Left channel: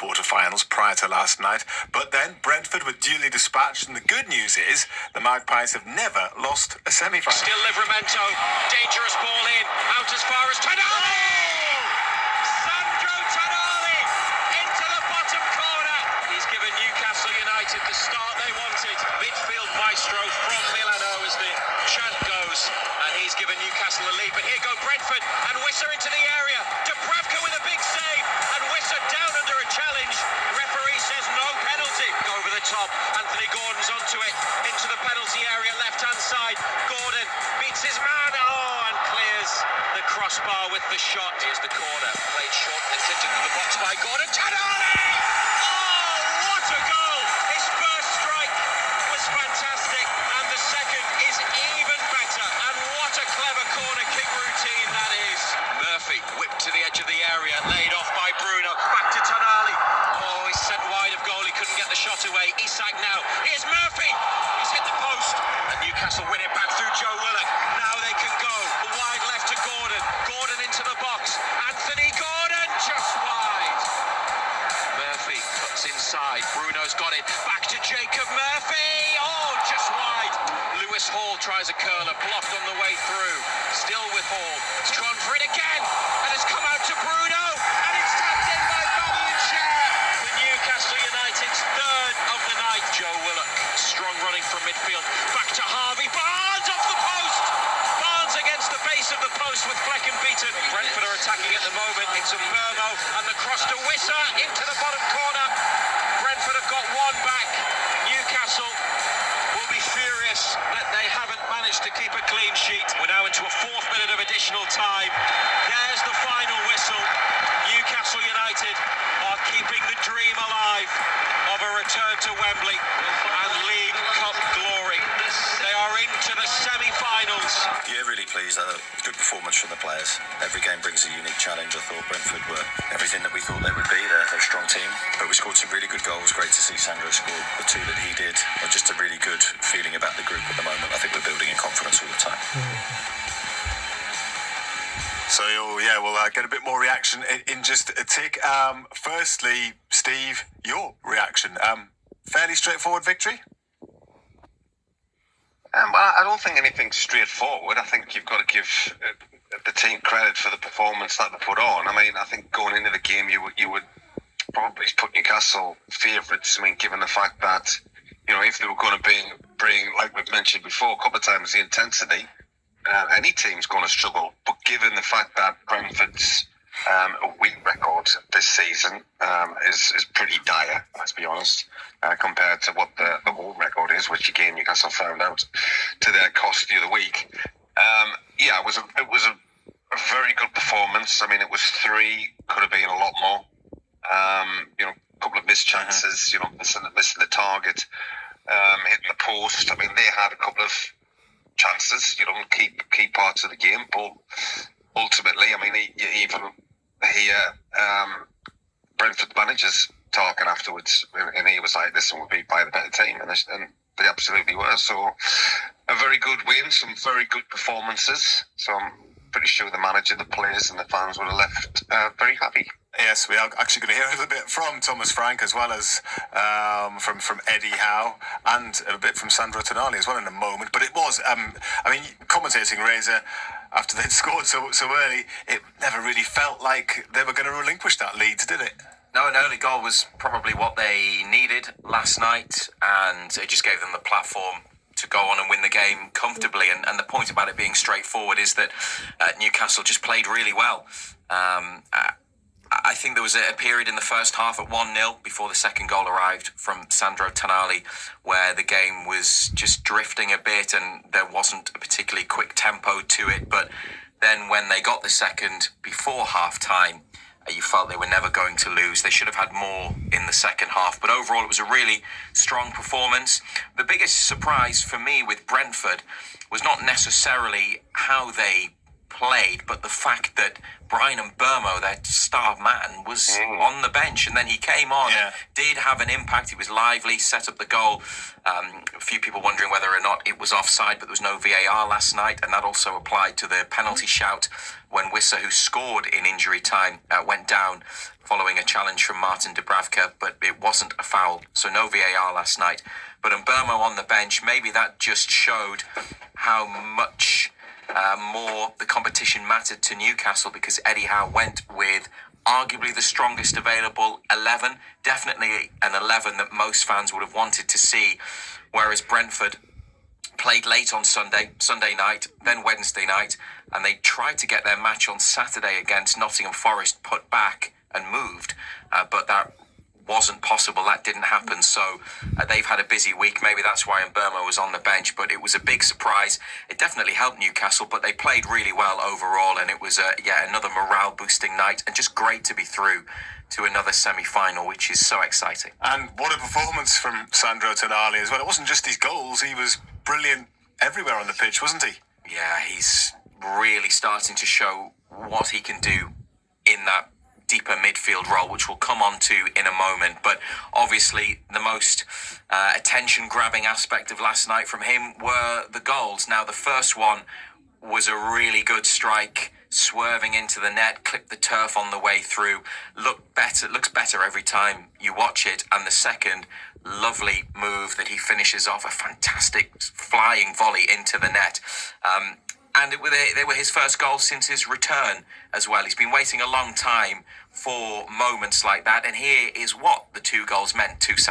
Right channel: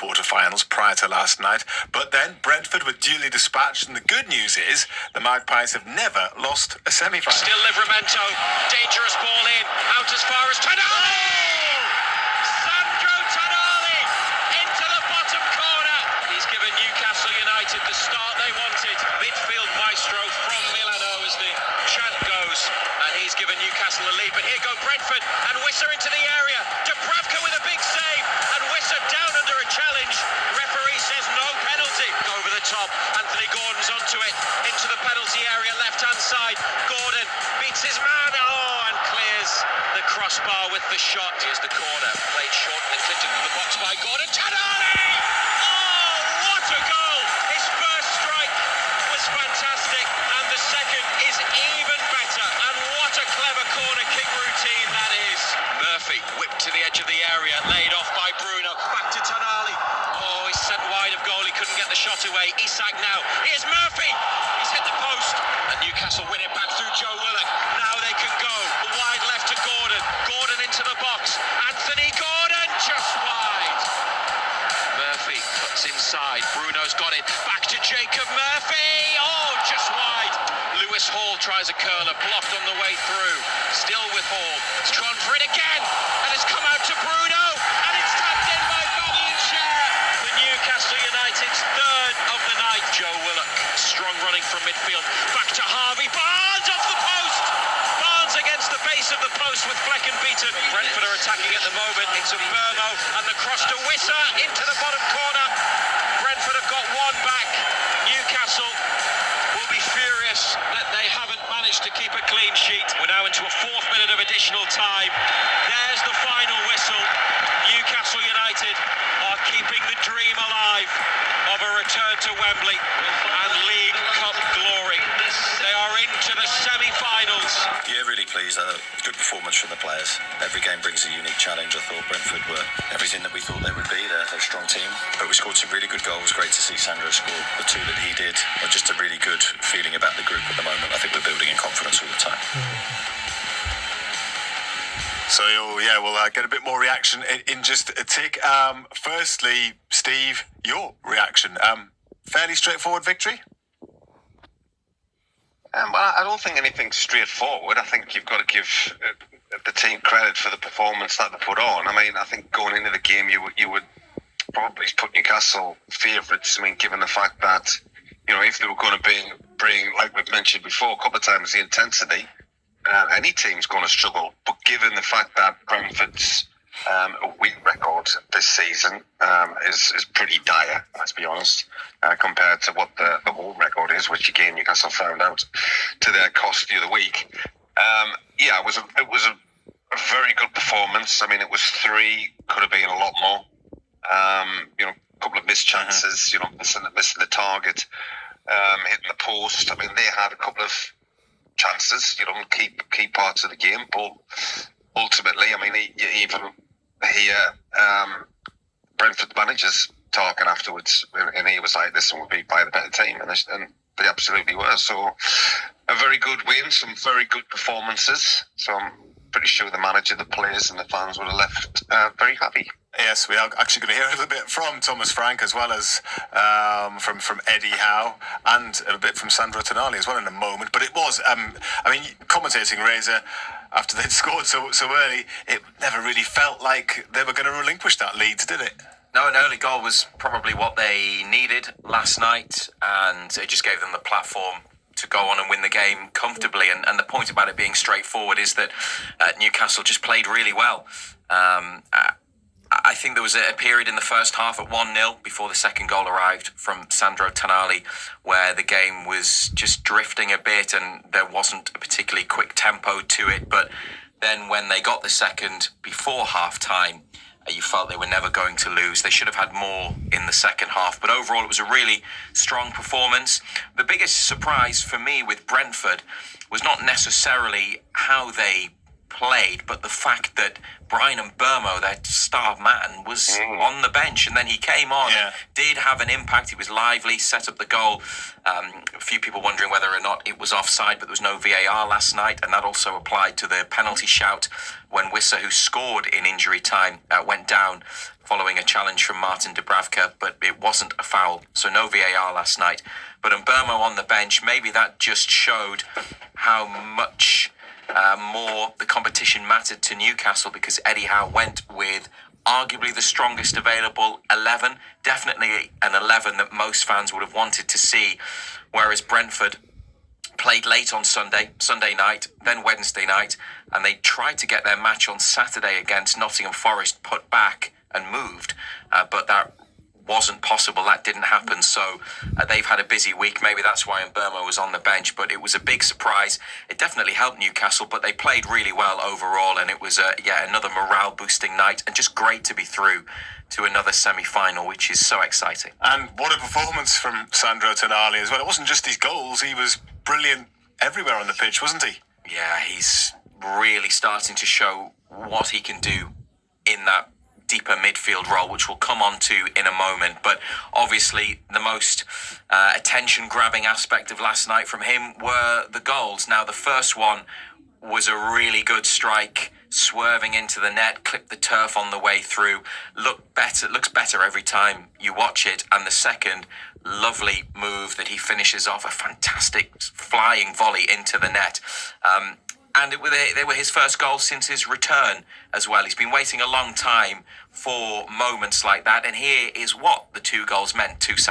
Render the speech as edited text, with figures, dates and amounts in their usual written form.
quarter-finals prior to last night. But then Brentford were duly dispatched, and the good news is the Magpies have never lost a semi-final. Still Livramento, dangerous ball in, out as far as Tonali! Sandro Tonali into the bottom corner. He's given Newcastle United the start they wanted. Midfield maestro from Milano as the chant goes, and he's given Newcastle a lead. But here go Brentford, and Wissa into the area. Dubravka with a big save, and Wissa down under a challenge. Referee says no penalty. Over the top, Anthony Gordon's onto it, into the penalty area, left-hand side. Gordon beats his man, and clears the crossbar with the shot. Here's the corner, played short and clipped into the box by Gordon. Tonali! Oh, what a goal! His first strike was fantastic, and the second is even better. And what a clever corner kick routine that is. Murphy whipped to the edge of the area, laid off by Bruno. Back to Tonali. Oh, he's sent wide of goal. He couldn't get the shot away. Isak now. Here's Murphy. He's hit the post. And Newcastle win it back through Joe Willock. Now they can go. Wide left to Gordon. Gordon into the box. Anthony Gordon just wide. Murphy cuts inside. Bruno's got it. Back to Jacob Murphy. Oh, just wide. Lewis Hall tries a curler. Blocked on the way through. Still with Hall. It's drawn for it again. And it's come out to Bruno. And it's tapped in by Bobby and Cher. For Newcastle United's third of the night. Joe Willock. Strong running from midfield. Back to Harvey. Barnes off the post. Barnes against the base of the post with Flecken beaten. Brentford are attacking at the moment. It's a Burmo. And the cross to Wissa into the bottom corner. Brentford have got one back. Newcastle will be furious that they haven't managed to keep a clean sheet. We're now into a fourth minute of additional time. There's the final whistle. Newcastle United are keeping the dream alive of a return to Wembley and League Cup glory. They are into the semi-finals. Yeah, really pleased. Good performance from the players. Every game brings a unique challenge. I thought Brentford were everything that we thought they would be. They're a strong team, but we scored some really good goals. Great to see Sandro score the two that he did. Just a really good feeling about the group at the moment. I think we're building in confidence all the time. So, yeah, we'll get a bit more reaction in just a tick. Firstly, Steve, your reaction. Fairly straightforward victory? Well, I don't think anything's straightforward. I think you've got to give the team credit for the performance that they put on. I mean, I think going into the game, you would probably put Newcastle favourites. I mean, given the fact that, you know, if they were going to bring, like we've mentioned before, a couple of times, the intensity, any team's going to struggle. But given the fact that Brentford's win record this season is pretty dire, let's be honest, compared to what the home record is, which again Newcastle found out to their cost the other week. Yeah, it was a very good performance. I mean, it was three, could have been a lot more. You know, a couple of missed chances. You know, missing the target, hitting the post. I mean, they had a couple of chances. You know, key parts of the game, but ultimately, I mean, Brentford managers talking afterwards, and he was like, "Listen, we'll be by the better team," and they absolutely were. So, a very good win, some very good performances. So, I'm pretty sure the manager, the players, and the fans would have left very happy. Yes, we are actually going to hear a little bit from Thomas Frank, as well as from Eddie Howe, and a bit from Sandro Tonali as well in a moment. But it was, I mean, commentating Razor after they'd scored so early, it never really felt like they were going to relinquish that lead, did it? No, an early goal was probably what they needed last night, and it just gave them the platform to go on and win the game comfortably. And the point about it being straightforward is that Newcastle just played really well. I think there was a period in the first half at 1-0 before the second goal arrived from Sandro Tonali, where the game was just drifting a bit and there wasn't a particularly quick tempo to it. But then when they got the second before half-time, you felt they were never going to lose. They should have had more in the second half. But overall, it was a really strong performance. The biggest surprise for me with Brentford was not necessarily how they played, but the fact that Brian Mbeumo, their star man, was on the bench, and then he came on, and did have an impact. He was lively, set up the goal. A few people wondering whether or not it was offside, but there was no VAR last night, and that also applied to the penalty shout when Wissa, who scored in injury time, went down following a challenge from Martin Dubravka, but it wasn't a foul, so no VAR last night. But Mbeumo on the bench, maybe that just showed how much more the competition mattered to Newcastle, because Eddie Howe went with arguably the strongest available 11, definitely an 11 that most fans would have wanted to see, whereas Brentford played late on Sunday night, then Wednesday night, and they tried to get their match on Saturday against Nottingham Forest put back and moved, but that wasn't possible. That didn't happen. So they've had a busy week. Maybe that's why Mbeumo was on the bench, but it was a big surprise. It definitely helped Newcastle, but they played really well overall, and it was another morale boosting night, and just great to be through to another semi-final, which is so exciting. And what a performance from Sandro Tonali as well. It wasn't just his goals, he was brilliant everywhere on the pitch, wasn't he? Yeah, he's really starting to show what he can do in that deeper midfield role, which we'll come on to in a moment. But obviously the most attention-grabbing aspect of last night from him were the goals. Now, the first one was a really good strike, swerving into the net, clipped the turf on the way through. Looks better every time you watch it. And the second, lovely move that he finishes off, a fantastic flying volley into the net. And they were his first goals since his return as well. He's been waiting a long time for moments like that, and here is what the two goals meant to Sam.